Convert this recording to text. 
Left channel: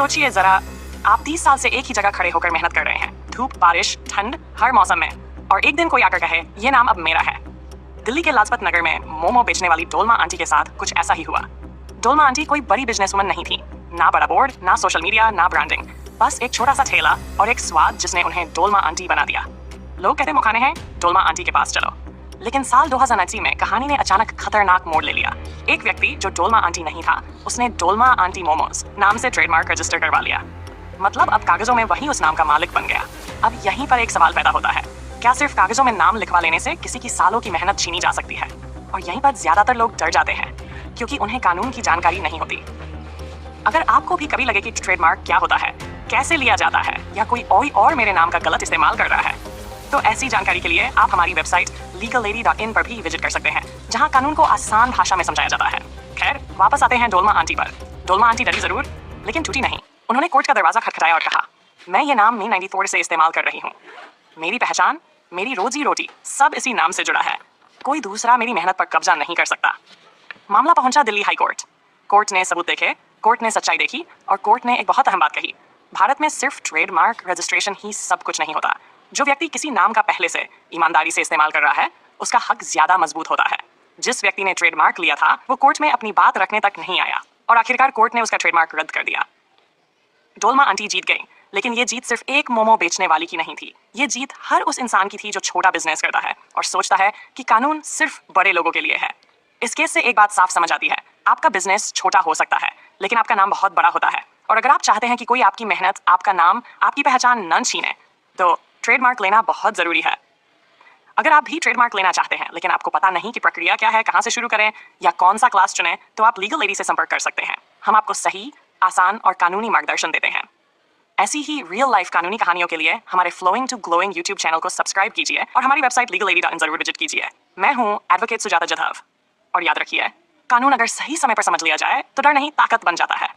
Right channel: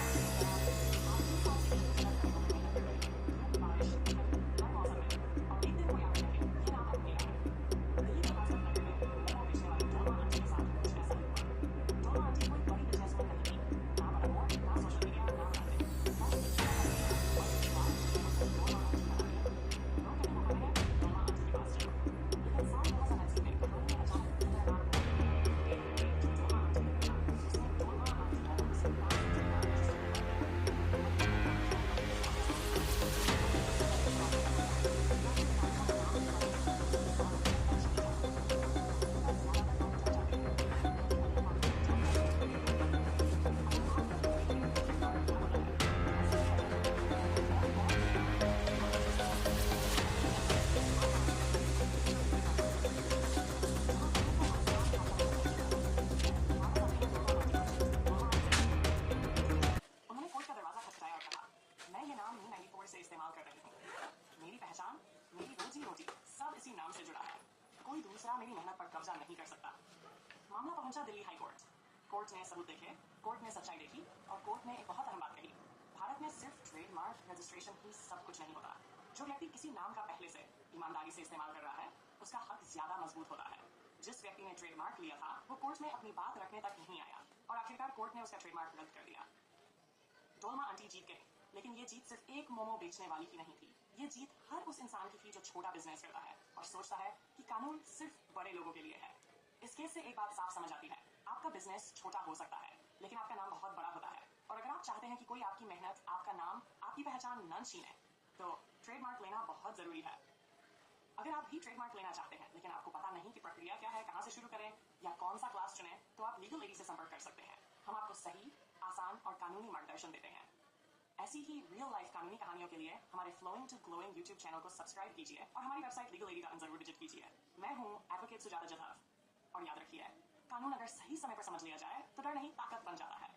सोचिए जरा, आप 30 साल से एक ही जगह खड़े होकर मेहनत कर रहे हैं, धूप बारिश ठंड हर मौसम में, और एक दिन कोई आकर कहे ये नाम अब मेरा है। दिल्ली के लाजपत नगर में मोमो बेचने वाली डोलमा आंटी के साथ कुछ ऐसा ही हुआ। डोलमा आंटी कोई बड़ी बिजनेसवुमन नहीं थी, ना बड़ा बोर्ड, ना सोशल मीडिया, ना ब्रांडिंग, बस एक छोटा सा ठेला और एक स्वाद जिसने उन्हें डोलमा आंटी बना दिया। लोग कहते मुखाने हैं, डोलमा आंटी के पास चलो। लेकिन साल 2019 में कहानी ने अचानक खतरनाक मोड़ ले लिया। एक व्यक्ति जो डोलमा आंटी नहीं था, उसने डोलमा आंटी मोमोज नाम से ट्रेडमार्क रजिस्टर करवा लिया। मतलब अब कागजों में वही उस नाम का मालिक बन गया। अब यहीं पर एक सवाल पैदा होता है, क्या सिर्फ कागजों में नाम लिखवा लेने से किसी की सालों की मेहनत छीनी जा सकती है? और यहीं पर ज्यादातर लोग डर जाते हैं, क्योंकि उन्हें कानून की जानकारी नहीं होती। अगर आपको भी कभी लगे कि ट्रेडमार्क क्या होता है, कैसे लिया जाता है, या कोई और मेरे नाम का गलत इस्तेमाल कर रहा है, तो ऐसी जानकारी के लिए आप हमारी वेबसाइट legallady.in पर भी विजिट कर सकते हैं, जहां कानून को आसान भाषा में समझाया जाता है। खैर, वापस आते हैं डोलमा आंटी पर। डोलमा आंटी डरी जरूर, लेकिन टूटी नहीं। उन्होंने कोर्ट का दरवाजा खटखटाया और कहा, मैं ये नाम Me94 से इस्तेमाल कर रही हूँ। मेरी पहचान, मेरी रोजी रोटी सब इसी नाम से जुड़ा है। कोई दूसरा मेरी मेहनत पर कब्जा नहीं कर सकता। मामला पहुंचा दिल्ली हाई कोर्ट। कोर्ट ने सबूत देखे, कोर्ट ने सच्चाई देखी, और कोर्ट ने एक बहुत अहम बात कही, भारत में सिर्फ ट्रेडमार्क रजिस्ट्रेशन ही सब कुछ नहीं होता। जो व्यक्ति किसी नाम का पहले से ईमानदारी से इस्तेमाल कर रहा है, उसका हक ज्यादा मजबूत होता है। जिस व्यक्ति ने ट्रेडमार्क लिया था, वो कोर्ट में अपनी बात रखने तक नहीं आया, और आखिरकार कोर्ट ने उसका ट्रेडमार्क रद्द कर दिया। डोलमा आंटी जीत गई, लेकिन ये जीत सिर्फ एक मोमो बेचने वाली की नहीं थी। ये जीत हर उस इंसान की थी जो छोटा बिजनेस करता है और सोचता है कि कानून सिर्फ बड़े लोगों के लिए है। इस केस से एक बात साफ समझ आती है, आपका बिजनेस छोटा हो सकता है, लेकिन आपका नाम बहुत बड़ा होता है। और अगर आप चाहते हैं कि कोई आपकी मेहनत, आपका नाम, आपकी पहचान न छीने, तो ट्रेडमार्क लेना बहुत जरूरी है। अगर आप भी ट्रेडमार्क लेना चाहते हैं, लेकिन आपको पता नहीं कि प्रक्रिया क्या है, कहां से शुरू करें, या कौन सा क्लास चुनें, तो आप लीगल लेडी से संपर्क कर सकते हैं। हम आपको सही, आसान और कानूनी मार्गदर्शन देते हैं। ऐसी ही रियल लाइफ कानूनी कहानियों के लिए हमारे flowing to glowing YouTube channel को सब्सक्राइब कीजिए और हमारी वेबसाइट legallady.in जरूर विजिट कीजिए। मैं हूँ एडवोकेट सुजाता जाधव, और याद रखिए, कानून अगर सही समय पर समझ लिया जाए तो डर नहीं, ताकत बन जाता है।